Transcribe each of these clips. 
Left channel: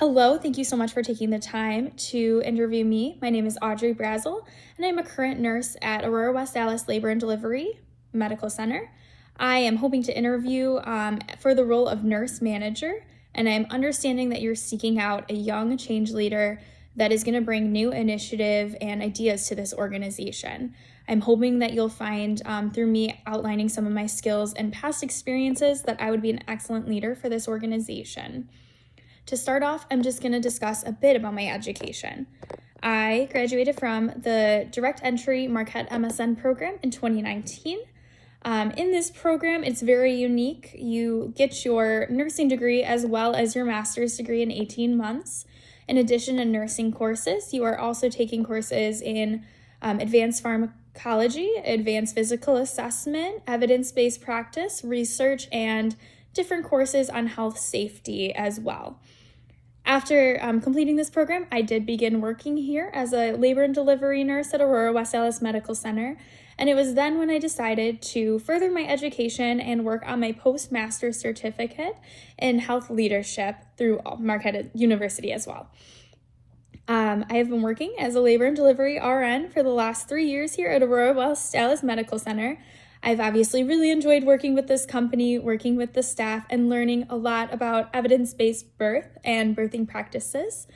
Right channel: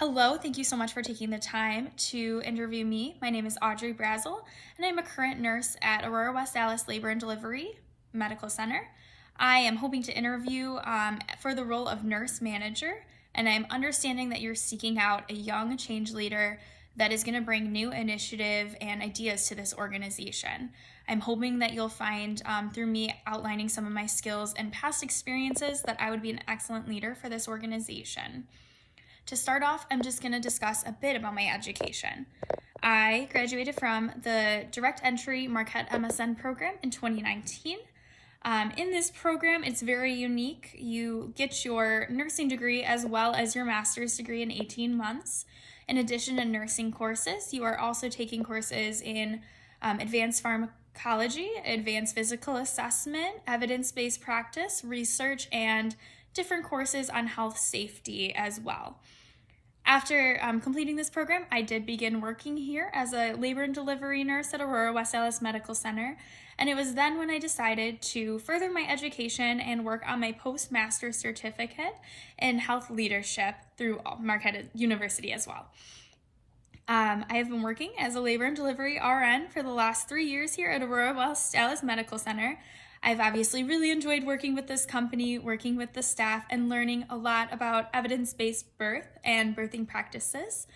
Hello, thank you so much for taking the time to interview me. My name is Audrey Brazel, and I'm a current nurse at Aurora West Allis Labor and Delivery Medical Center. I am hoping to interview for the role of nurse manager, and I'm understanding that you're seeking out a young change leader that is going to bring new initiative and ideas to this organization. I'm hoping that you'll find through me outlining some of my skills and past experiences that I would be an excellent leader for this organization. To start off, I'm just going to discuss a bit about my education. I graduated from the Direct Entry Marquette MSN program in 2019. In this program, it's very unique. You get your nursing degree as well as your master's degree in 18 months. In addition to nursing courses, you are also taking courses in advanced pharmacology, advanced physical assessment, evidence-based practice, research, and different courses on health safety as well. After completing this program, I did begin working here as a labor and delivery nurse at Aurora West Allis Medical Center, and it was then when I decided to further my education and work on my postmaster's certificate in health leadership through Marquette University as well. I have been working as a labor and delivery RN for the last 3 years here at Aurora West Allis Medical Center. I've obviously really enjoyed working with this company, working with the staff, and learning a lot about evidence-based birth and birthing practices.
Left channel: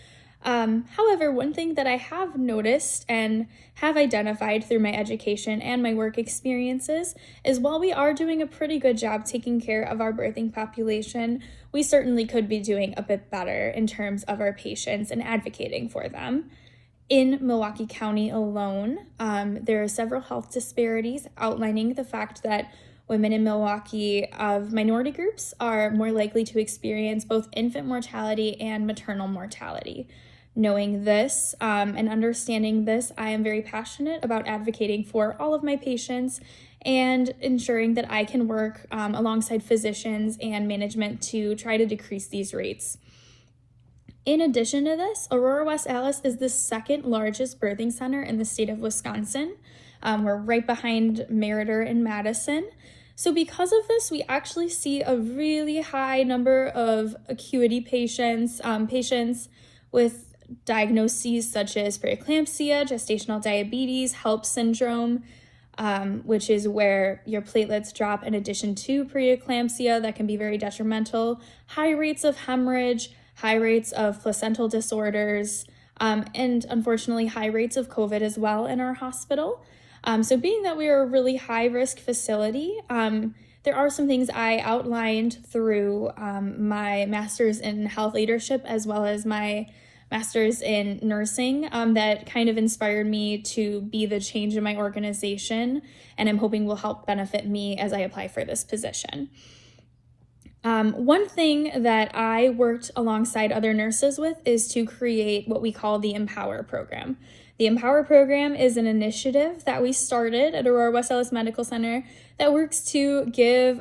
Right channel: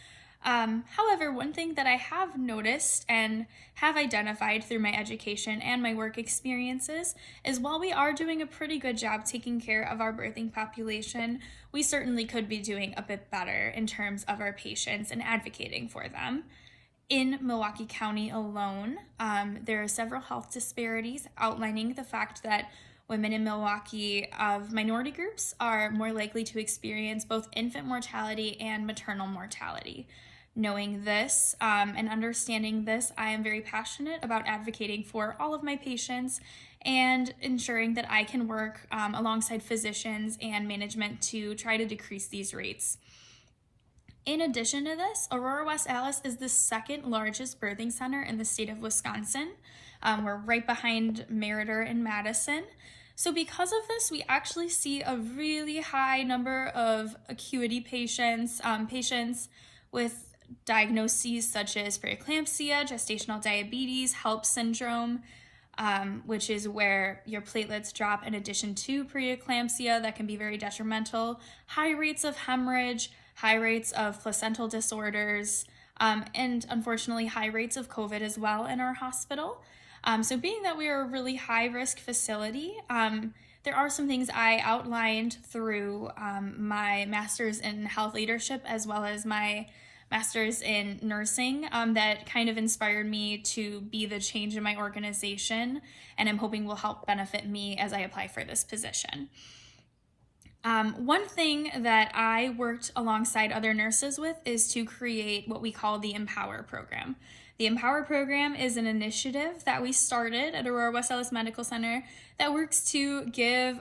However, one thing that I have noticed and have identified through my education and my work experiences is while we are doing a pretty good job taking care of our birthing population, we certainly could be doing a bit better in terms of our patients and advocating for them. In Milwaukee County alone, there are several health disparities outlining the fact that women in Milwaukee of minority groups are more likely to experience both infant mortality and maternal mortality. Knowing this and understanding this, I am very passionate about advocating for all of my patients and ensuring that I can work alongside physicians and management to try to decrease these rates. In addition to this, Aurora West Allis is the second largest birthing center in the state of Wisconsin. We're right behind Meriter and Madison. So because of this, we actually see a really high number of acuity patients, patients with diagnoses such as preeclampsia, gestational diabetes, HELLP syndrome, which is where your platelets drop in addition to preeclampsia that can be very detrimental, high rates of hemorrhage, high rates of placental disorders, and unfortunately high rates of COVID as well in our hospital. So being that we are a really high risk facility, there are some things I outlined through my master's in health leadership as well as my master's in nursing that kind of inspired me to be the change in my organization, and I'm hoping will help benefit me as I apply for this position. One thing that I worked alongside other nurses with is to create what we call the Empower program. The Empower program is an initiative that we started at Aurora West Allis Medical Center that works to give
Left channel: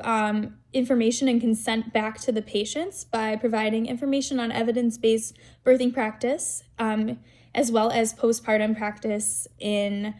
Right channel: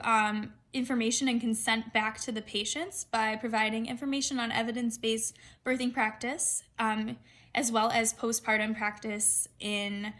information and consent back to the patients by providing information on evidence-based birthing practice, as well as postpartum practice in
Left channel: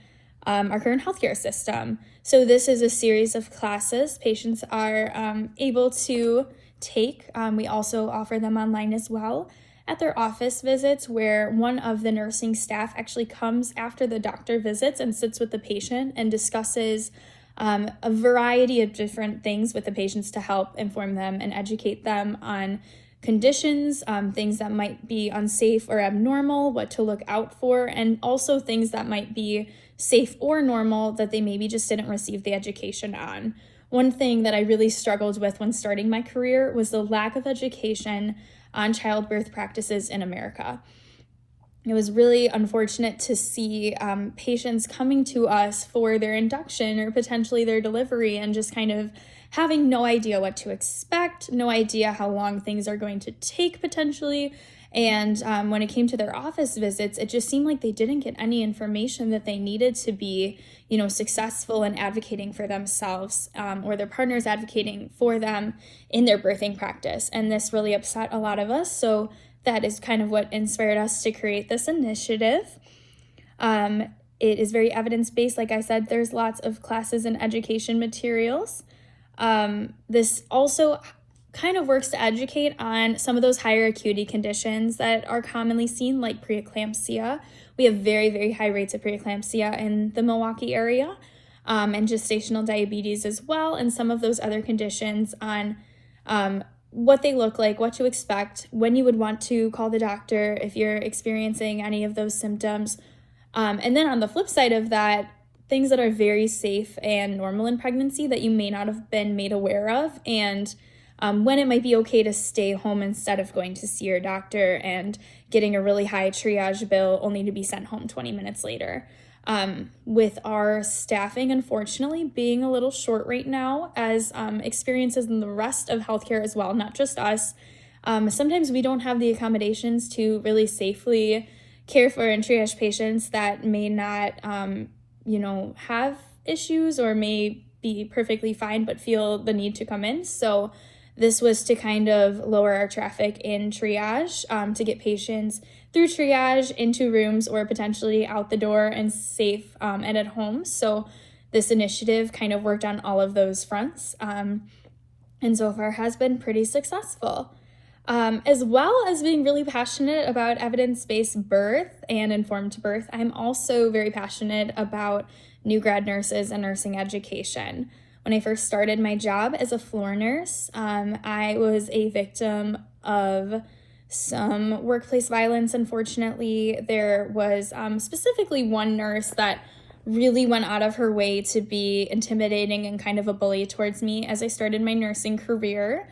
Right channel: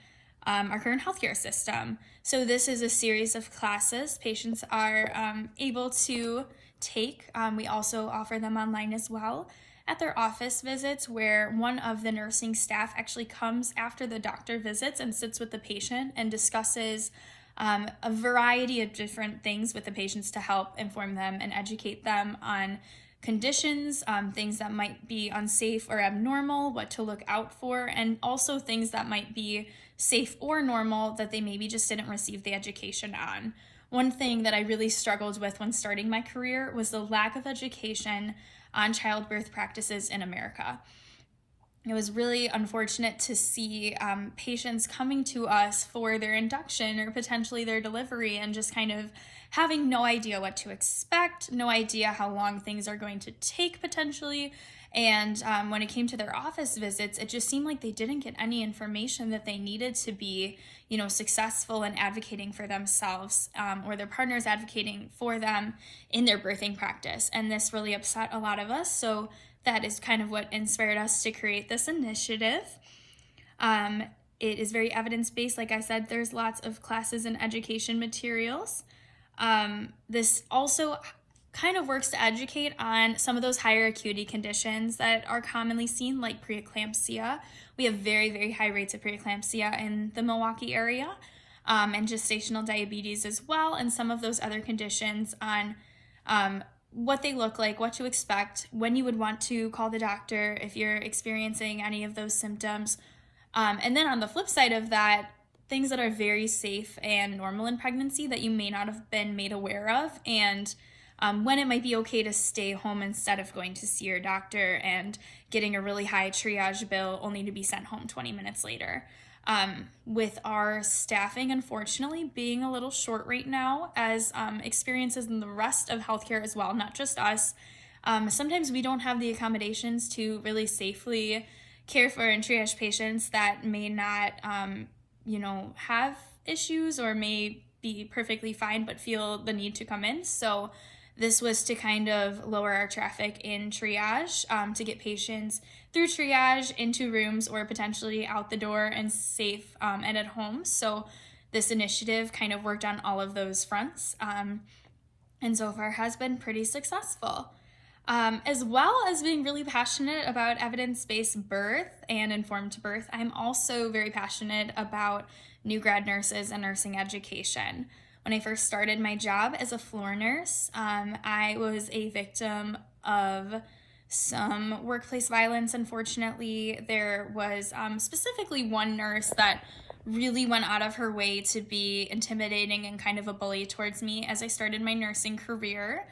our current healthcare system. So this is a series of classes patients are able to take. We also offer them online as well at their office visits, where one of the nursing staff actually comes after the doctor visits and sits with the patient and discusses a variety of different things with the patients to help inform them and educate them on conditions, things that might be unsafe or abnormal, what to look out for, and also things that might be safe or normal that they maybe just didn't receive the education on. One thing that I really struggled with when starting my career was the lack of education on childbirth practices in America. It was really unfortunate to see patients coming to us for their induction or potentially their delivery and just kind of having no idea what to expect, no idea how long things are going to take potentially. And when it came to their office visits, it just seemed like they didn't get any information that they needed to be, successful in advocating for themselves or their partners advocating for them in their birthing practice. And this really upset a lot of us. So that is kind of what inspired us to create this initiative. It is very evidence-based. Like I said, there's lots of classes and education materials. This also kind of works to educate on some of those higher acuity conditions that are commonly seen, like preeclampsia. We have very, very high rates of preeclampsia in the Milwaukee area, and gestational diabetes as well, and some of those other conditions on what they look like, what to expect, when you would want to call the doctor if you're experiencing any of those symptoms. And then on the flip side of that, things that are very safe and normal in pregnancy that you may not have been made aware of, and when it might be okay to stay home instead of going to see your doctor and getting a really high triage bill only to be sent home 20 minutes later. With our staffing, unfortunately, being a little short right now, as experiences in the rest of healthcare as well, not just us, sometimes we don't have the accommodations to really safely care for and triage patients that may not, have issues or may be perfectly fine but feel the need to come in. So this was to kind of lower our traffic in triage, to get patients through triage into rooms or potentially out the door and safe and at home. So this initiative kind of worked on all of those fronts, and so far has been pretty successful. As well as being really passionate about evidence-based birth and informed birth, I'm also very passionate about new grad nurses and nursing education. When I first started my job as a floor nurse, I was a victim of some workplace violence. Unfortunately, there was specifically one nurse that really went out of her way to be intimidating and kind of a bully towards me as I started my nursing career.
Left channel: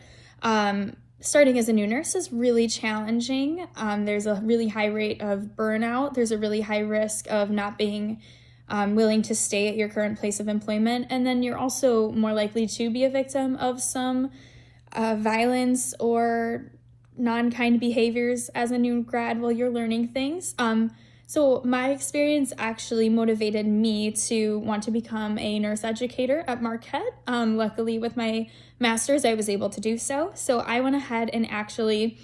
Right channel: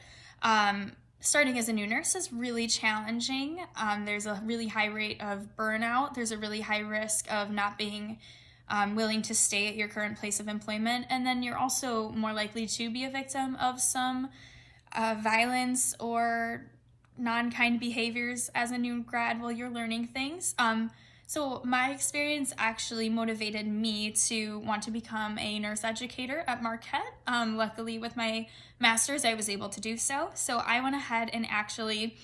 Starting as a new nurse is really challenging. There's a really high rate of burnout. There's a really high risk of not being willing to stay at your current place of employment. And then you're also more likely to be a victim of some violence or non-kind behaviors as a new grad while you're learning things. So my experience actually motivated me to want to become a nurse educator at Marquette. Luckily with my master's, I was able to do so. So I went ahead and actually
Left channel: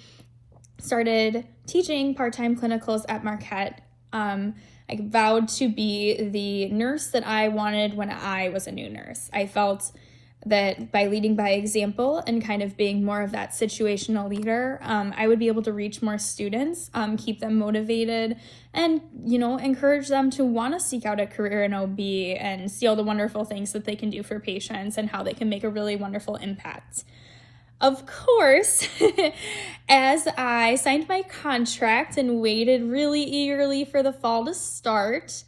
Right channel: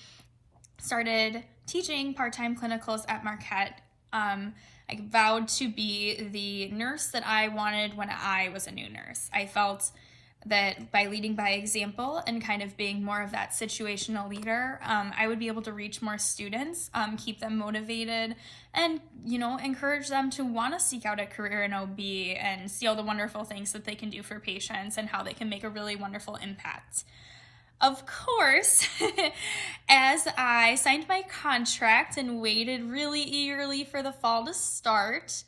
started teaching part-time clinicals at Marquette. I vowed to be the nurse that I wanted when I was a new nurse. I felt that by leading by example and kind of being more of that situational leader, I would be able to reach more students, keep them motivated, and, encourage them to want to seek out a career in OB and see all the wonderful things that they can do for patients and how they can make a really wonderful impact. Of course, as I signed my contract and waited really eagerly for the fall to start,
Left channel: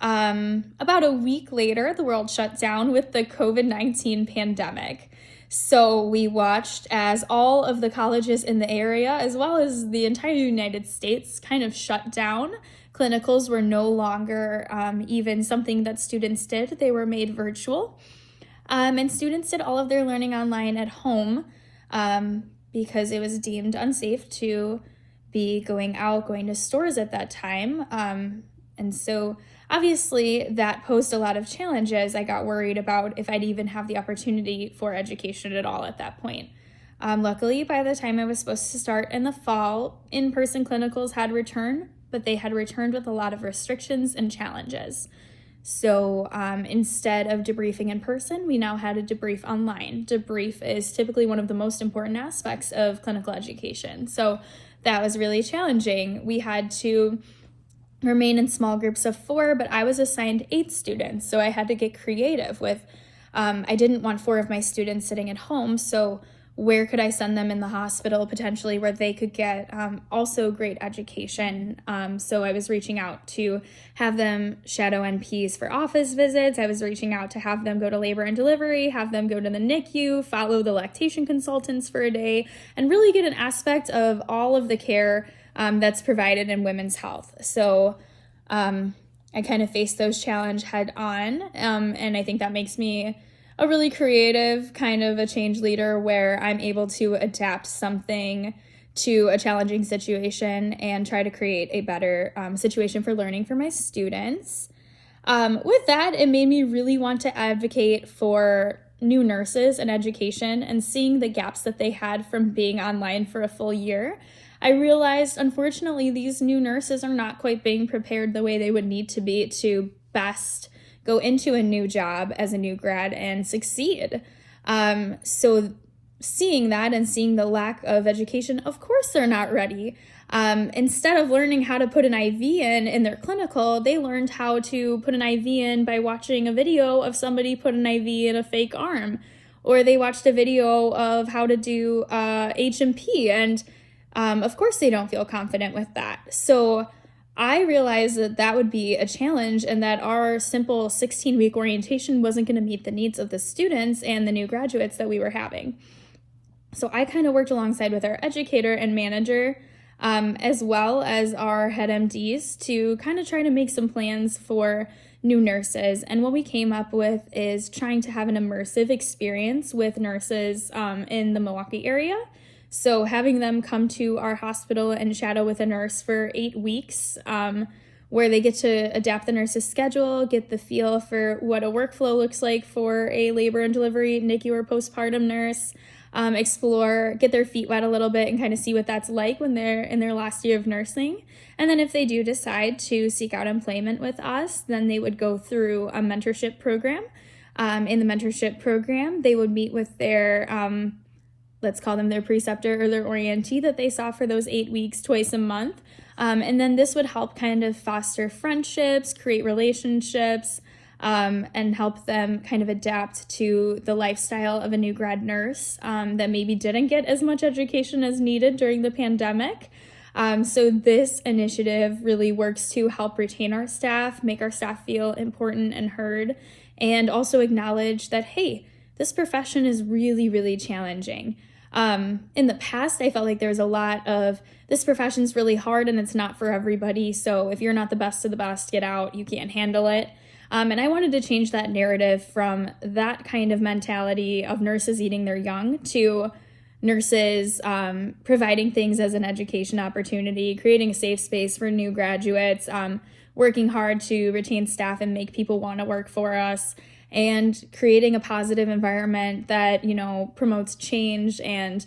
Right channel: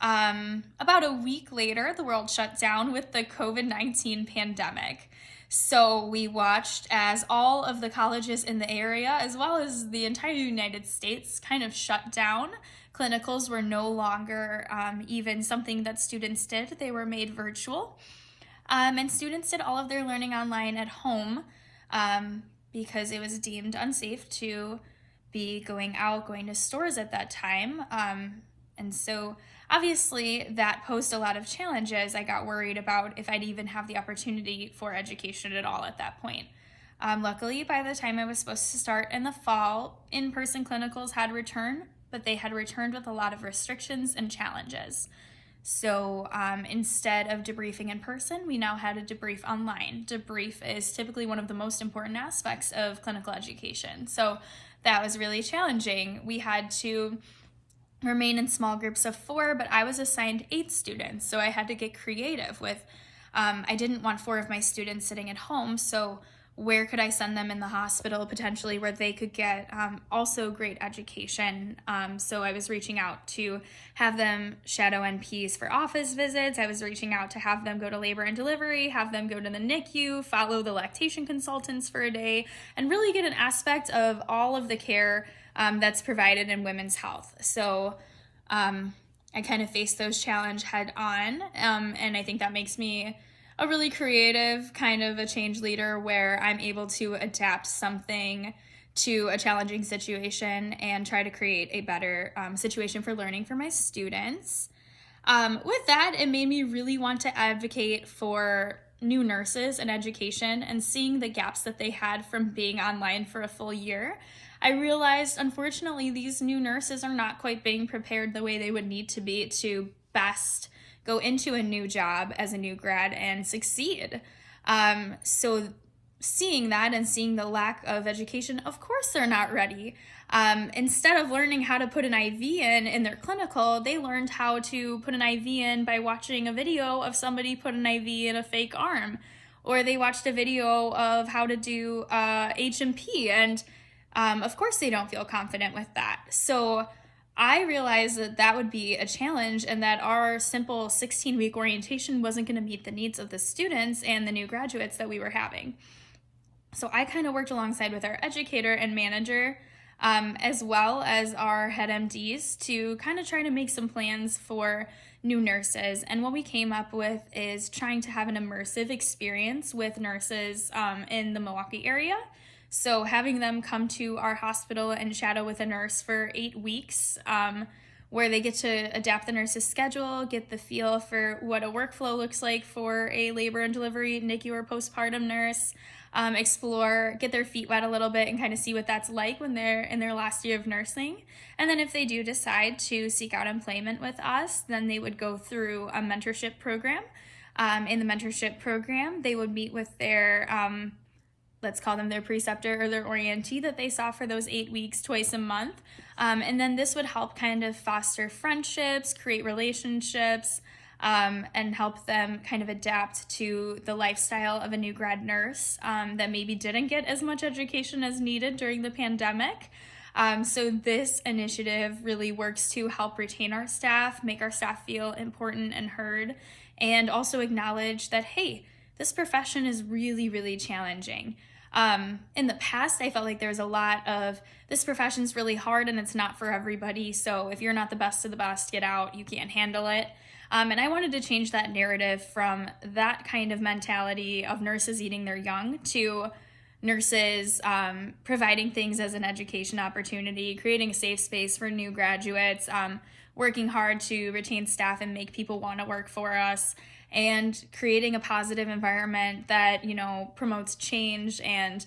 about a week later, the world shut down with the COVID-19 pandemic. So we watched as all of the colleges in the area, as well as the entire United States, kind of shut down. Clinicals were no longer even something that students did. They were made virtual. And students did all of their learning online at home because it was deemed unsafe to be going to stores at that time. And so obviously that posed a lot of challenges. I got worried about if I'd even have the opportunity for education at all at that point. Luckily, by the time I was supposed to start in the fall, in-person clinicals had returned, but they had returned with a lot of restrictions and challenges. So instead of debriefing in person, we now had a debrief online. Debrief is typically one of the most important aspects of clinical education. So that was really challenging. We had to remain in small groups of 4, but I was assigned 8 students. So I had to get creative with, I didn't want 4 of my students sitting at home. So where could I send them in the hospital potentially where they could get also great education? So I was reaching out to have them shadow NPs for office visits. I was reaching out to have them go to labor and delivery, have them go to the NICU, follow the lactation consultants for a day, and really get an aspect of all of the care that's provided in women's health. So I kind of faced those challenges head on, and I think that makes me a really creative kind of a change leader where I'm able to adapt something to a challenging situation and try to create a better situation for learning for my students. With that, it made me really want to advocate for new nurses and education, and seeing the gaps that they had from being online for a full year. I realized, unfortunately, these new nurses are not quite being prepared the way they would need to be to best go into a new job as a new grad and succeed. So seeing that and seeing the lack of education, of course they're not ready. Instead of learning how to put an IV in their clinical, they learned how to put an IV in by watching a video of somebody put an IV in a fake arm, or they watched a video of how to do H&P, and of course they don't feel confident with that. So I realized that that would be a challenge, and that our simple 16-week orientation wasn't going to meet the needs of the students and the new graduates that we were having. So I kind of worked alongside with our educator and manager, as well as our head MDs, to kind of try to make some plans for new nurses. And what we came up with is trying to have an immersive experience with nurses in the Milwaukee area. So having them come to our hospital and shadow with a nurse for 8 weeks, where they get to adapt the nurse's schedule, get the feel for what a workflow looks like for a labor and delivery, NICU, or postpartum nurse, explore, get their feet wet a little bit and kind of see what that's like when they're in their last year of nursing. And then if they do decide to seek out employment with us, then they would go through a mentorship program. In the mentorship program, they would meet with their, let's call them their preceptor or their orientee that they saw for those 8 weeks twice a month. And then this would help kind of foster friendships, create relationships, and help them kind of adapt to the lifestyle of a new grad nurse that maybe didn't get as much education as needed during the pandemic. So this initiative really works to help retain our staff, make our staff feel important and heard, and also acknowledge that, hey, this profession is really, really challenging. In the past, I felt like there was a lot of, this profession's really hard and it's not for everybody, so if you're not the best of the best, get out, you can't handle it. And I wanted to change that narrative from that kind of mentality of nurses eating their young to nurses providing things as an education opportunity, creating a safe space for new graduates, working hard to retain staff and make people want to work for us, and creating a positive environment that, you know, promotes change and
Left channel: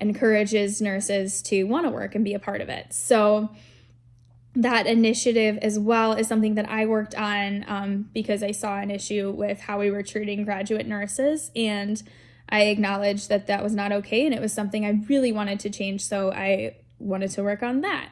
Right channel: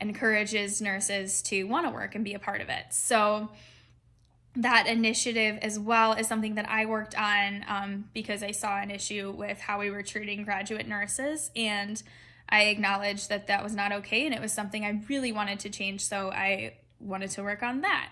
encourages nurses to want to work and be a part of it. So that initiative as well is something that I worked on because I saw an issue with how we were treating graduate nurses, and I acknowledged that that was not okay, and it was something I really wanted to change, so I wanted to work on that.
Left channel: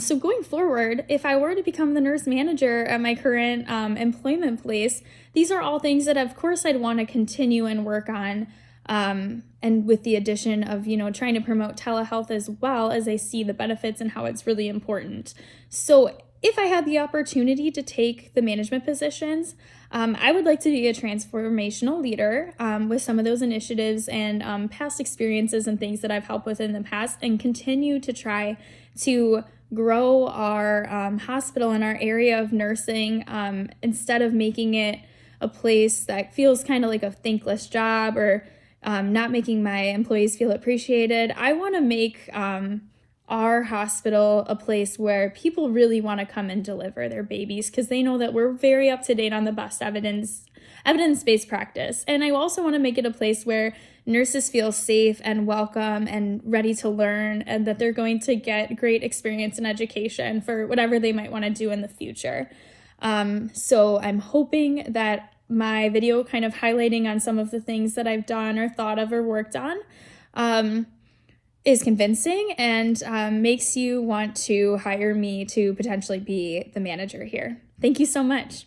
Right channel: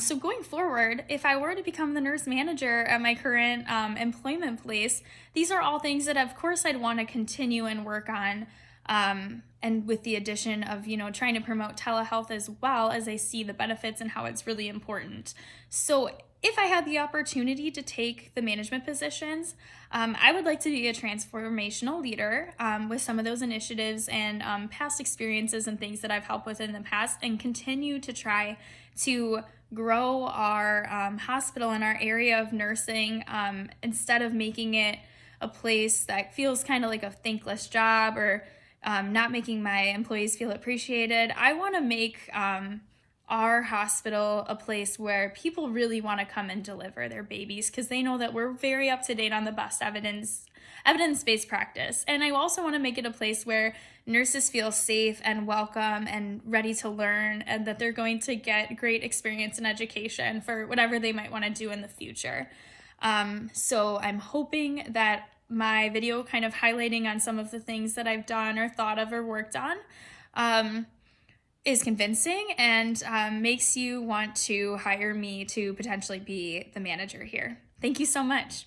So going forward, if I were to become the nurse manager at my current employment place, these are all things that of course I'd want to continue and work on, and with the addition of, you know, trying to promote telehealth as well, as I see the benefits and how it's really important. So if I had the opportunity to take the management positions, I would like to be a transformational leader with some of those initiatives and past experiences and things that I've helped with in the past, and continue to try to grow our hospital and our area of nursing, instead of making it a place that feels kind of like a thankless job, or not making my employees feel appreciated. I want to make our hospital a place where people really want to come and deliver their babies, because they know that we're very up to date on the best evidence-based practice. And I also want to make it a place where nurses feel safe and welcome and ready to learn, and that they're going to get great experience and education for whatever they might want to do in the future. So I'm hoping that my video kind of highlighting on some of the things that I've done or thought of or worked on is convincing and makes you want to hire me to potentially be the manager here. Thank you so much.